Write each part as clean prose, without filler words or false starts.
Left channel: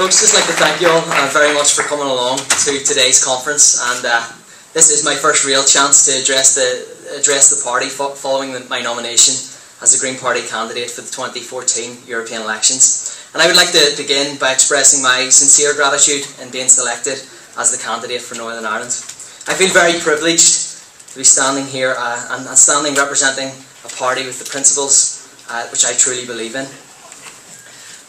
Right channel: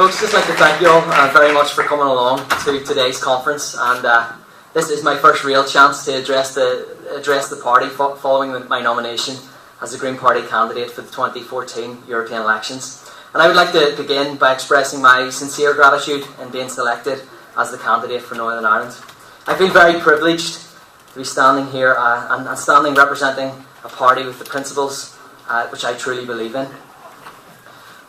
Folks, just like to thank you all very much for coming along to today's conference, and this is my first real chance to address the party following my nomination as the Green Party candidate for the 2014 European elections. And I would like to begin by expressing my sincere gratitude in being selected as the candidate for Northern Ireland. I feel very privileged to be standing here and standing representing a party with the principles which I truly believe in.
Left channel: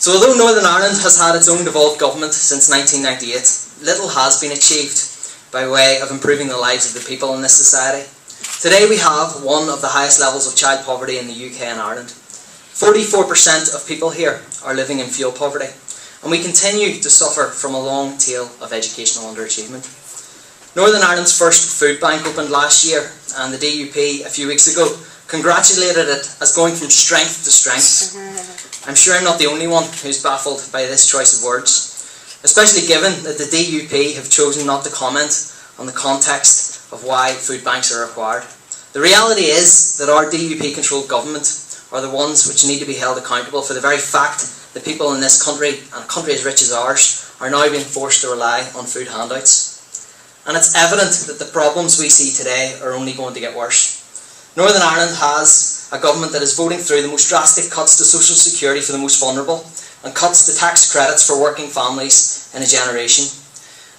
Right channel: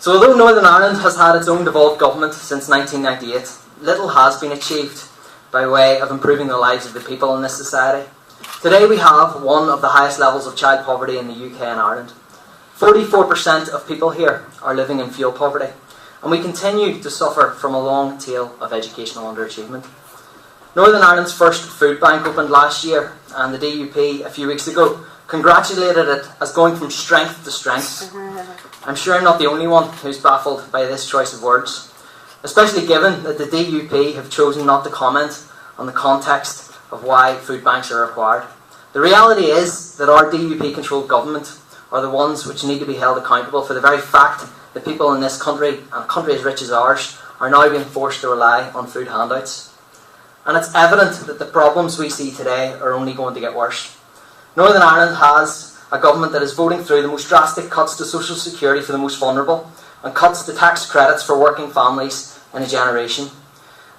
So although Northern Ireland has had its own devolved government since 1998, little has been achieved by way of improving the lives of the people in this society. Today we have one of the highest levels of child poverty in the UK and Ireland. 44% of people here are living in fuel poverty, and we continue to suffer from a long tail of educational underachievement. Northern Ireland's first food bank opened last year, and the DUP a few weeks ago congratulated it as going from strength to strength. I'm sure I'm not the only one who's baffled by this choice of words, especially given that the DUP have chosen not to comment on the context of why food banks are required. The reality is that our DUP-controlled government are the ones which need to be held accountable for the very fact that people in this country, and a country as rich as ours, are now being forced to rely on food handouts. And it's evident that the problems we see today are only going to get worse. Northern Ireland has a government that is voting through the most drastic cuts to social security for the most vulnerable and cuts to tax credits for working families in a generation.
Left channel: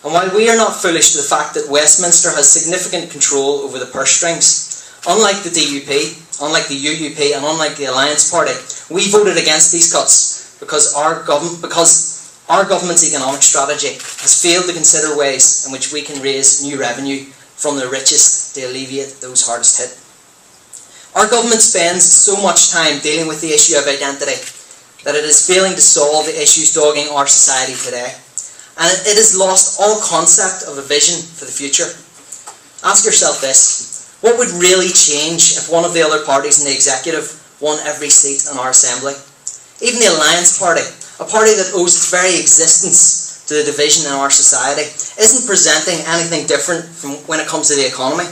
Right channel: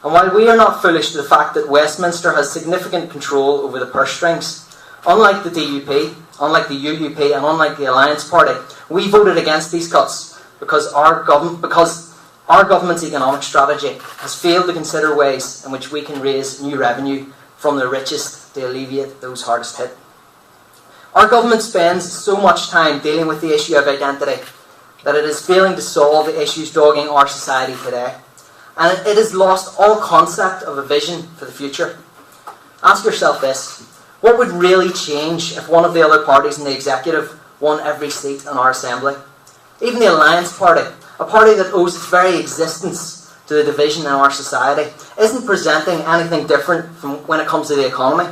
And while we are not foolish to the fact that Westminster has significant control over the purse strings, unlike the DUP, unlike the UUP and unlike the Alliance Party, we voted against these cuts because our government's economic strategy has failed to consider ways in which we can raise new revenue from the richest to alleviate those hardest hit. Our government spends so much time dealing with the issue of identity that it is failing to solve the issues dogging our society today. And it has lost all concept of a vision for the future. Ask yourself this: what would really change if one of the other parties in the executive won every seat in our assembly? Even the Alliance Party, a party that owes its very existence to the division in our society, isn't presenting anything different from when it comes to the economy.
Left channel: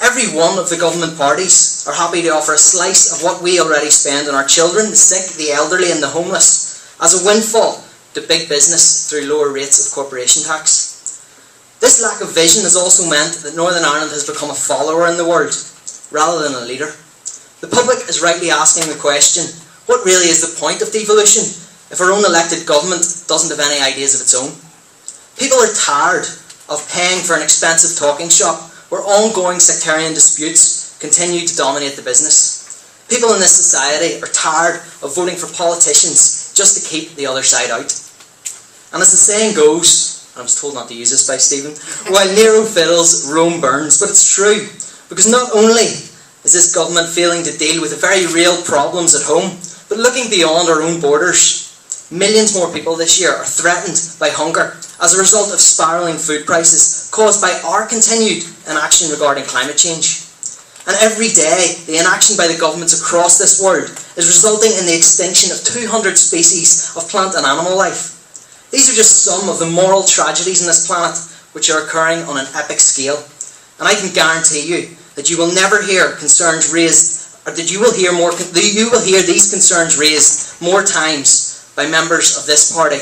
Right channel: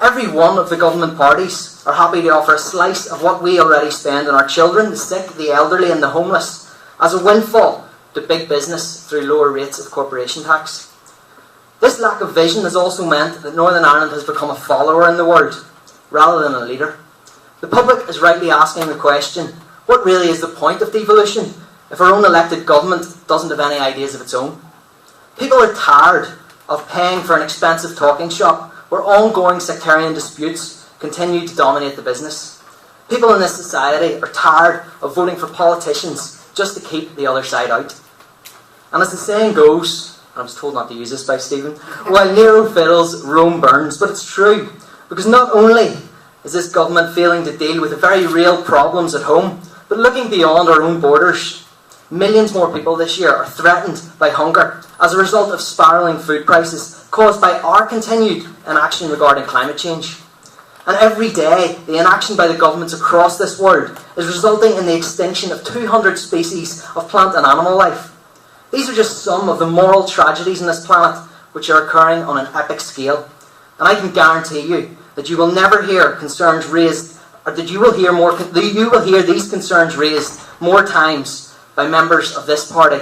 Every one of the government parties are happy to offer a slice of what we already spend on our children, the sick, the elderly and the homeless as a windfall to big business through lower rates of corporation tax. This lack of vision has also meant that Northern Ireland has become a follower in the world rather than a leader. The public is rightly asking the question, what really is the point of devolution if our own elected government doesn't have any ideas of its own? People are tired of paying for an expensive talking shop where ongoing sectarian disputes continue to dominate the business. People in this society are tired of voting for politicians just to keep the other side out. And as the saying goes, and I was told not to use this by Stephen, while Nero fiddles, Rome burns. But it's true, because not only is this government failing to deal with the very real problems at home, but looking beyond our own borders. Millions more people this year are threatened by hunger as a result of spiralling food prices caused by our continued inaction regarding climate change. And every day, the inaction by the governments across this world is resulting in the extinction of 200 species of plant and animal life. These are just some of the moral tragedies on this planet which are occurring on an epic scale. And I can guarantee you that you will never hear concerns raised, or that you will hear these concerns raised more times by members of this party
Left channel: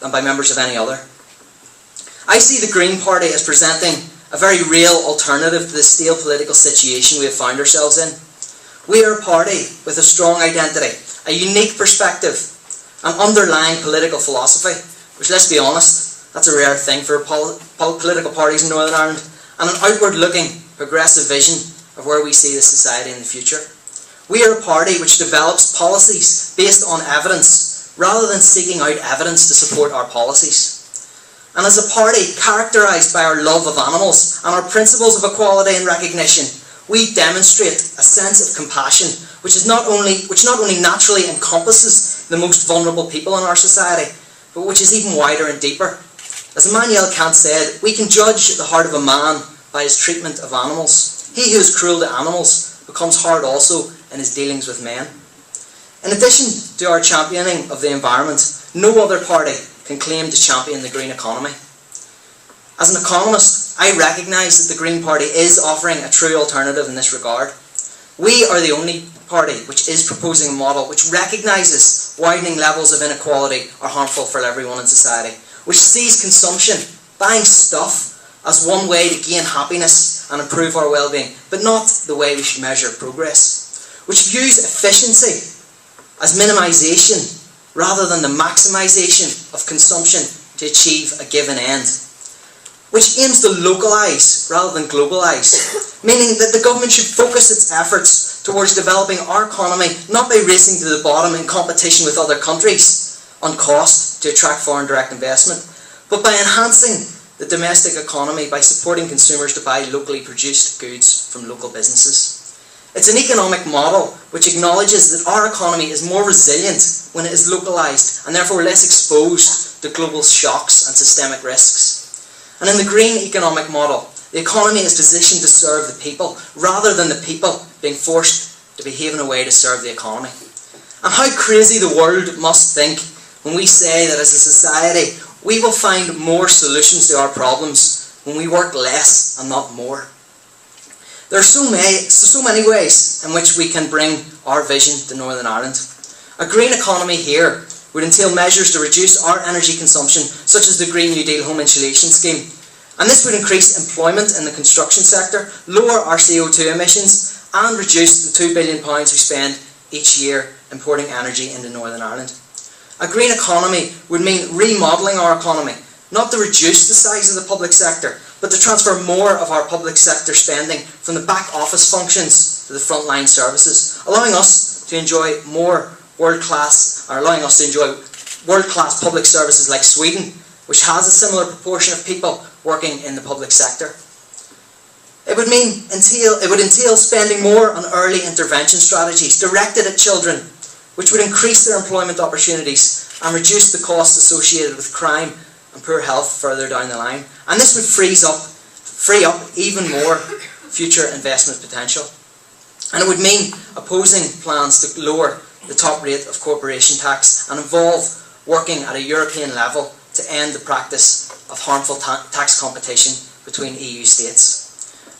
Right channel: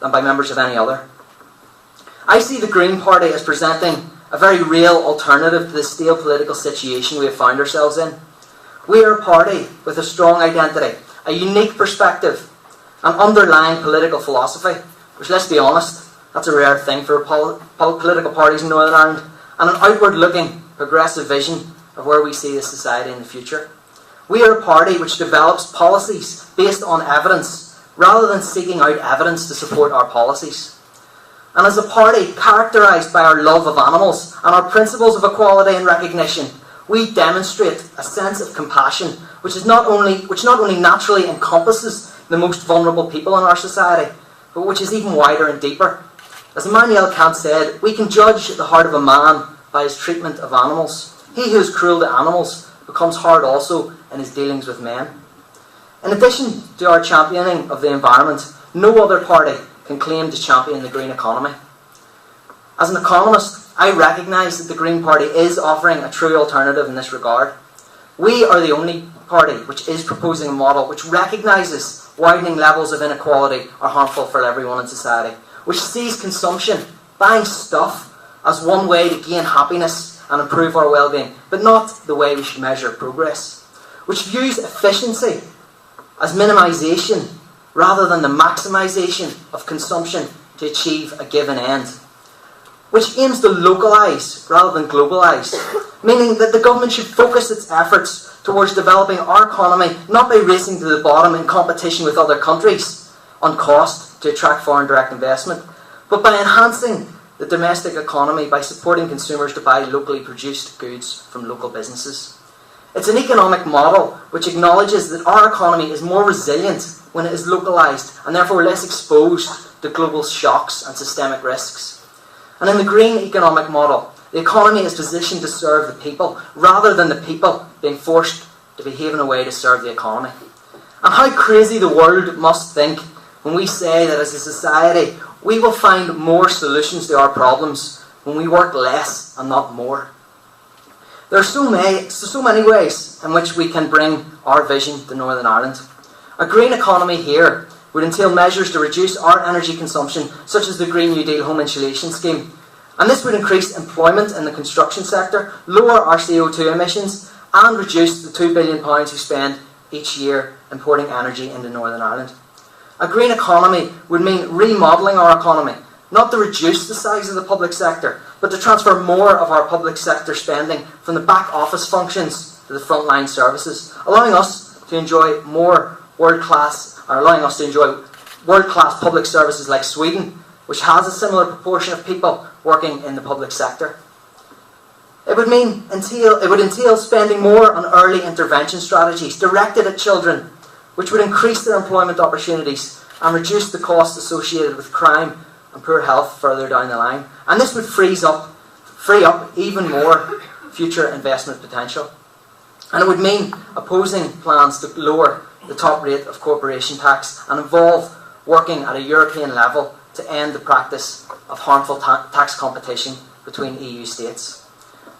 than by members of any other. I see the Green Party as presenting a very real alternative to the stale political situation we have found ourselves in. We are a party with a strong identity, a unique perspective, an underlying political philosophy, which, let's be honest, that's a rare thing for political parties in Northern Ireland, and an outward-looking, progressive vision of where we see this society in the future. We are a party which develops policies based on evidence, rather than seeking out evidence to support our policies. And as a party characterised by our love of animals and our principles of equality and recognition, we demonstrate a sense of compassion which not only naturally encompasses the most vulnerable people in our society, but which is even wider and deeper. As Immanuel Kant said, we can judge the heart of a man by his treatment of animals. He who is cruel to animals becomes hard also in his dealings with men. In addition to our championing of the environment, no other party can claim to champion the green economy. As an economist, I recognise that the Green Party is offering a true alternative in this regard. We are the only party which is proposing a model which recognises widening levels of inequality are harmful for everyone in society, which sees consumption, buying stuff, as one way to gain happiness and improve our well-being, but not the way we should measure progress, which views efficiency as minimisation rather than the maximisation of consumption to achieve a given end, which aims to localise rather than globalise, meaning that the government should focus its efforts towards developing our economy not by racing to the bottom in competition with other countries on cost to attract foreign direct investment, but by enhancing the domestic economy by supporting consumers to buy locally produced goods from local businesses. It's an economic model which acknowledges that our economy is more resilient when it is localised and therefore less exposed to global shocks and systemic risks. And in the green economic model, the economy is positioned to serve the people rather than the people being forced to behave in a way to serve the economy. And how crazy the world must think when we say that as a society we will find more solutions to our problems when we work less and not more. There are so many ways in which we can bring our vision to Northern Ireland. A green economy here would entail measures to reduce our energy consumption, such as the Green New Deal home insulation scheme. And this would increase employment in the construction sector, lower our CO2 emissions, and reduce the £2 billion we spend each year importing energy into Northern Ireland. A green economy would mean remodelling our economy, not to reduce the size of the public sector, but to transfer more of our public sector spending from the back office functions to the frontline services, allowing us to enjoy world-class public services like Sweden, which has a similar proportion of people working in the public sector. It would entail spending more on early intervention strategies directed at children, which would increase their employment opportunities and reduce the costs associated with crime and poor health further down the line. And this would free up even more future investment potential. And it would mean opposing plans to lower the top rate of corporation tax and involve working at a European level to end the practice of harmful tax competition between EU states.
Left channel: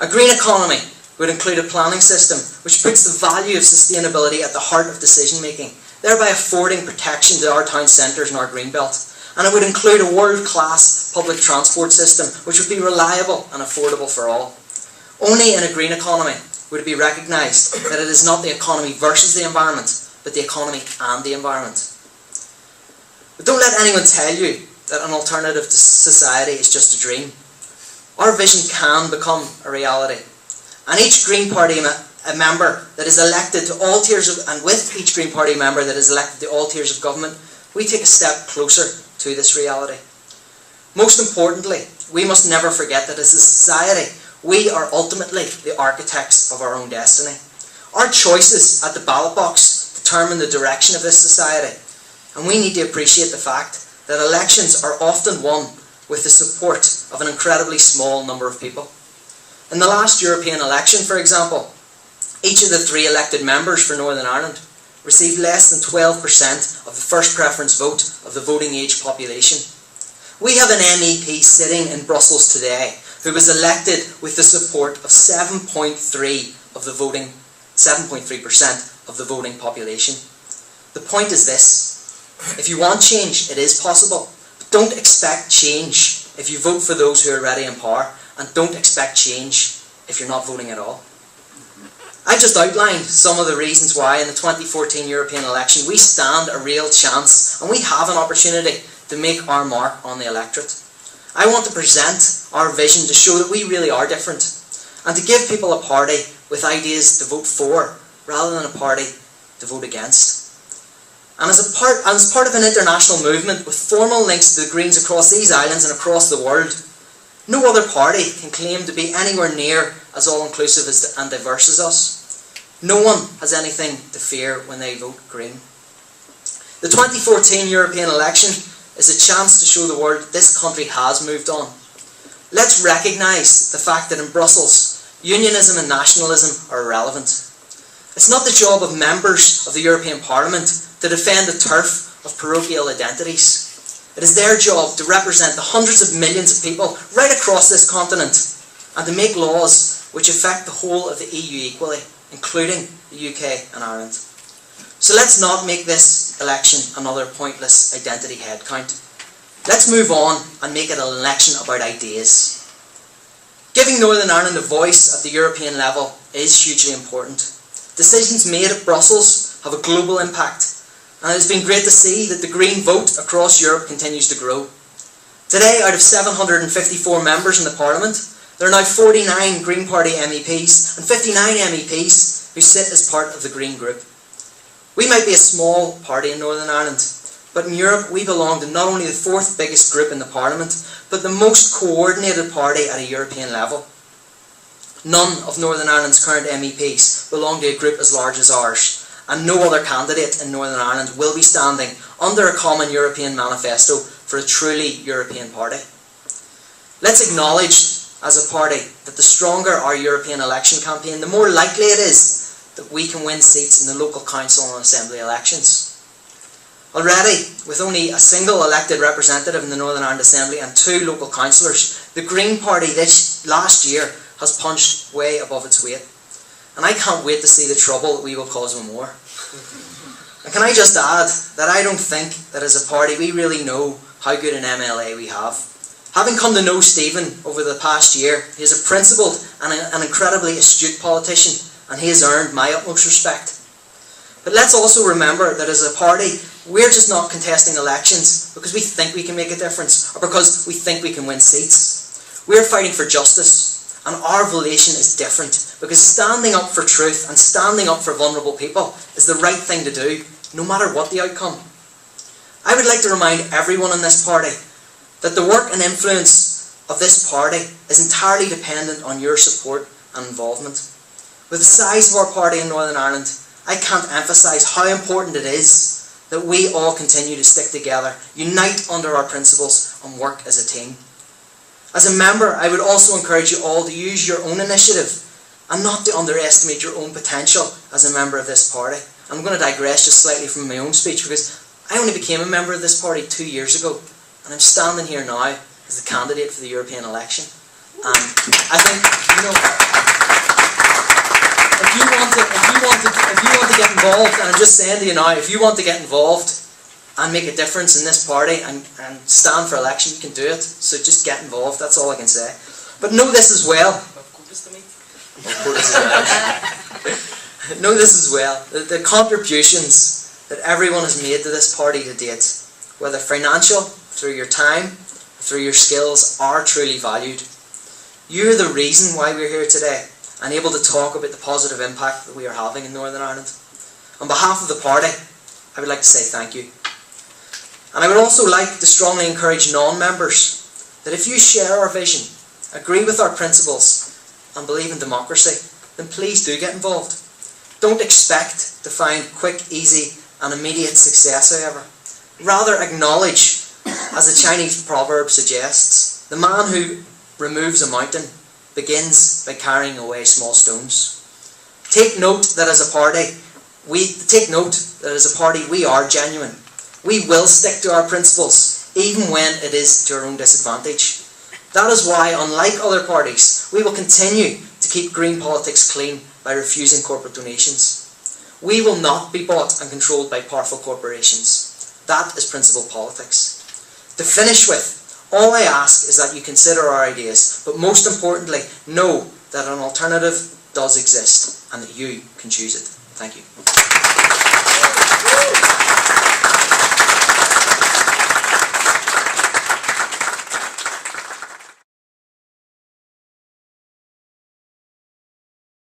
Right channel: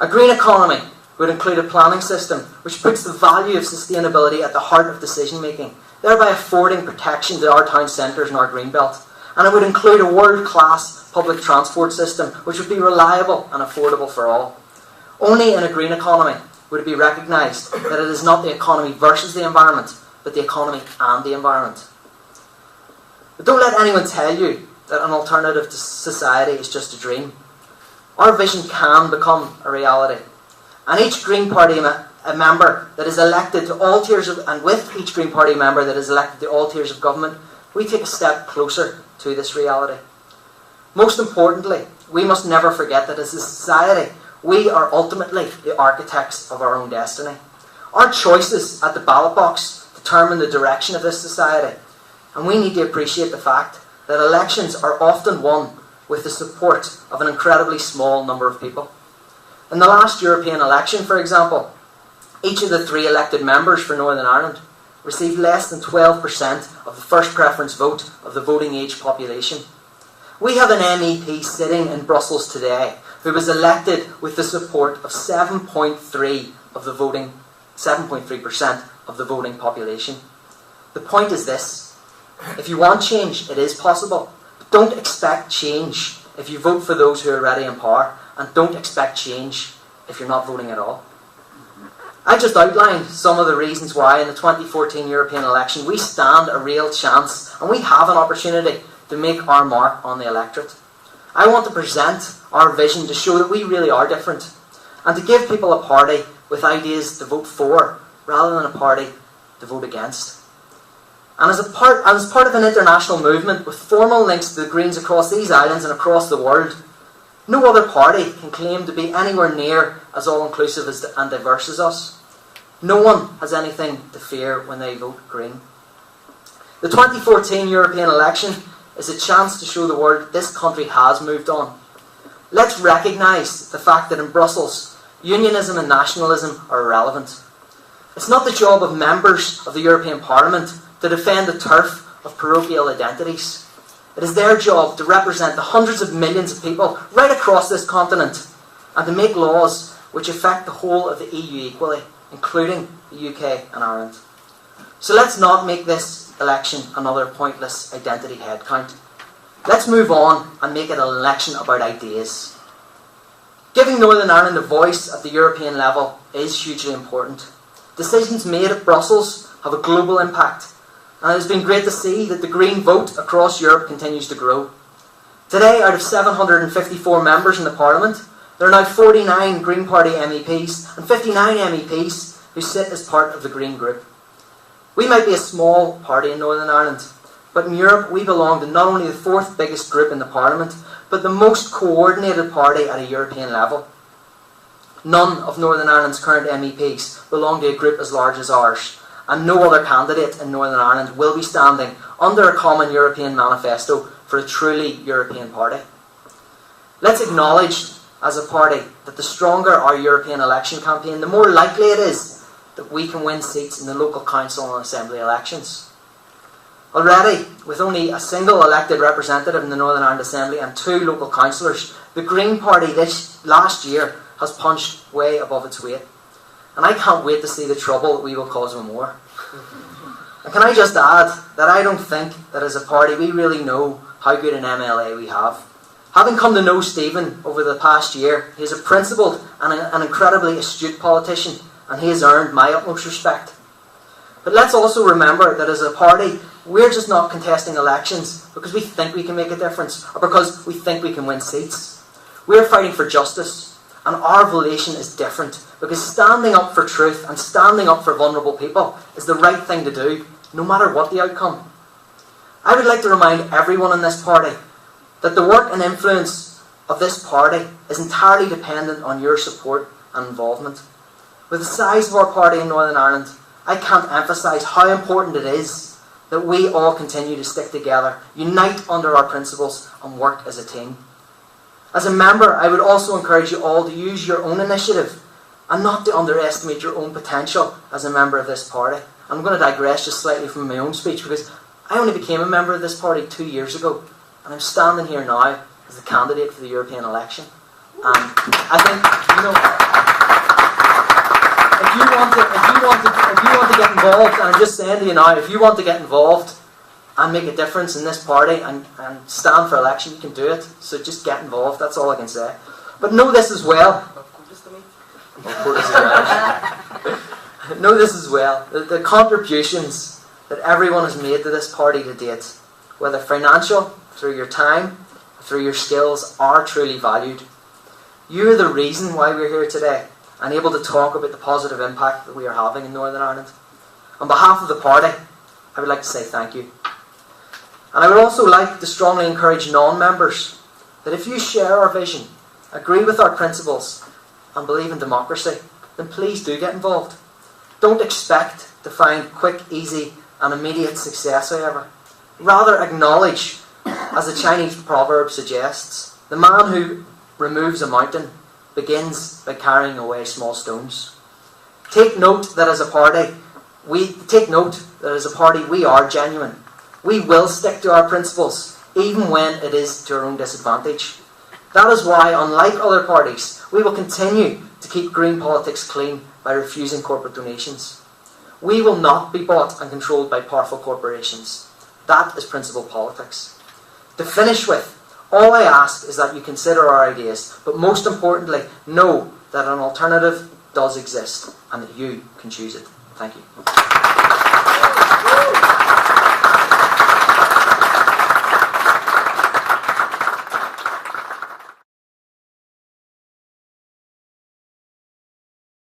A green economy would include a planning system which puts the value of sustainability at the heart of decision making, thereby affording protection to our town centres and our greenbelt. And it would include a world-class public transport system which would be reliable and affordable for all. Only in a green economy would it be recognised that it is not the economy versus the environment, but the economy and the environment. But don't let anyone tell you that an alternative to society is just a dream. Our vision can become a reality. And each Green Party member that is elected to all tiers and with each Green Party member that is elected to all tiers of government, we take a step closer to this reality. Most importantly, we must never forget that as a society, we are ultimately the architects of our own destiny. Our choices at the ballot box determine the direction of this society, and we need to appreciate the fact that elections are often won with the support of an incredibly small number of people. In the last European election, for example, each of the 3 elected members for Northern Ireland received less than 12% of the first preference vote of the voting age population. We have an MEP sitting in Brussels today who was elected with the support of 7.3% of the voting population. The point is this: if you want change, it is possible. But don't expect change if you vote for those who are already in power, and don't expect change if you're not voting at all. I've just outlined some of the reasons why in the 2014 European election we stand a real chance and we have an opportunity to make our mark on the electorate. I want to present our vision to show that we really are different and to give people a party with ideas to vote for rather than a party to vote against. And as part of an international movement with formal links to the Greens across these islands and across the world, no other party can claim to be anywhere near as all-inclusive and diverse as us. No one has anything to fear when they vote Green. The 2014 European election is a chance to show the world that this country has moved on. Let's recognise the fact that in Brussels, unionism and nationalism are irrelevant. It's not the job of members of the European Parliament to defend the turf of parochial identities. It is their job to represent the hundreds of millions of people right across this continent and to make laws which affect the whole of the EU equally, including the UK and Ireland. So let's not make this election another pointless identity headcount. Let's move on and make it an election about ideas. Giving Northern Ireland a voice at the European level is hugely important. Decisions made at Brussels have a global impact, and it has been great to see that the Green vote across Europe continues to grow. Today, out of 754 members in the Parliament, there are now 49 Green Party MEPs and 59 MEPs who sit as part of the Green group. We might be a small party in Northern Ireland, but in Europe we belong to not only the fourth biggest group in the Parliament, but the most coordinated party at a European level. None of Northern Ireland's current MEPs belong to a group as large as ours, and no other candidate in Northern Ireland will be standing under a common European manifesto for a truly European party. Let's acknowledge as a party that the stronger our European election campaign, the more likely it is that we can win seats in the local council and assembly elections. Already, with only a single elected representative in the Northern Ireland Assembly and 2 local councillors, the Green Party this last year has punched way above its weight. And I can't wait to see the trouble that we will cause with more. And can I just add that I don't think that as a party we really know how good an MLA we have. Having come to know Stephen over the past year, he is a principled and an incredibly astute politician, and he has earned my utmost respect. But let's also remember that as a party, we're just not contesting elections because we think we can make a difference or because we think we can win seats. We're fighting for justice, and our volition is different because standing up for truth and standing up for vulnerable people is the right thing to do, no matter what the outcome. I would like to remind everyone in this party that the work and influence of this party is entirely dependent on your support and involvement. With the size of our party in Northern Ireland, I can't emphasise how important it is that we all continue to stick together, unite under our principles and work as a team. As a member, I would also encourage you all to use your own initiative and not to underestimate your own potential as a member of this party. I'm going to digress just slightly from my own speech because I only became a member of this party 2 years ago, and I'm standing here now as the candidate for the European election. And I think, if you want to get involved, and I'm just saying to you now, if you want to get involved and make a difference in this party and stand for election, you can do it. So just get involved, that's all I can say. But know this as well. Know this as well, that the contributions that everyone has made to this party to date, whether financial, through your time, through your skills, are truly valued. You're the reason why we're here today and able to talk about the positive impact that we are having in Northern Ireland. On behalf of the party, I would like to say thank you. And I would also like to strongly encourage non-members that if you share our vision, agree with our principles and believe in democracy, then please do get involved. Don't expect to find quick, easy and immediate success, however. Rather acknowledge, as the Chinese proverb suggests, the man who removes a mountain begins by carrying away small stones. Take note that as a party, we are genuine. We will stick to our principles, even when it is to our own disadvantage. That is why, unlike other parties, we will continue to keep green politics clean by refusing corporate donations. We will not be bought and controlled by powerful corporations. That is principled politics. To finish with, all I ask is that you consider our ideas, but most importantly, know that an alternative does exist and that you can choose it. Thank you.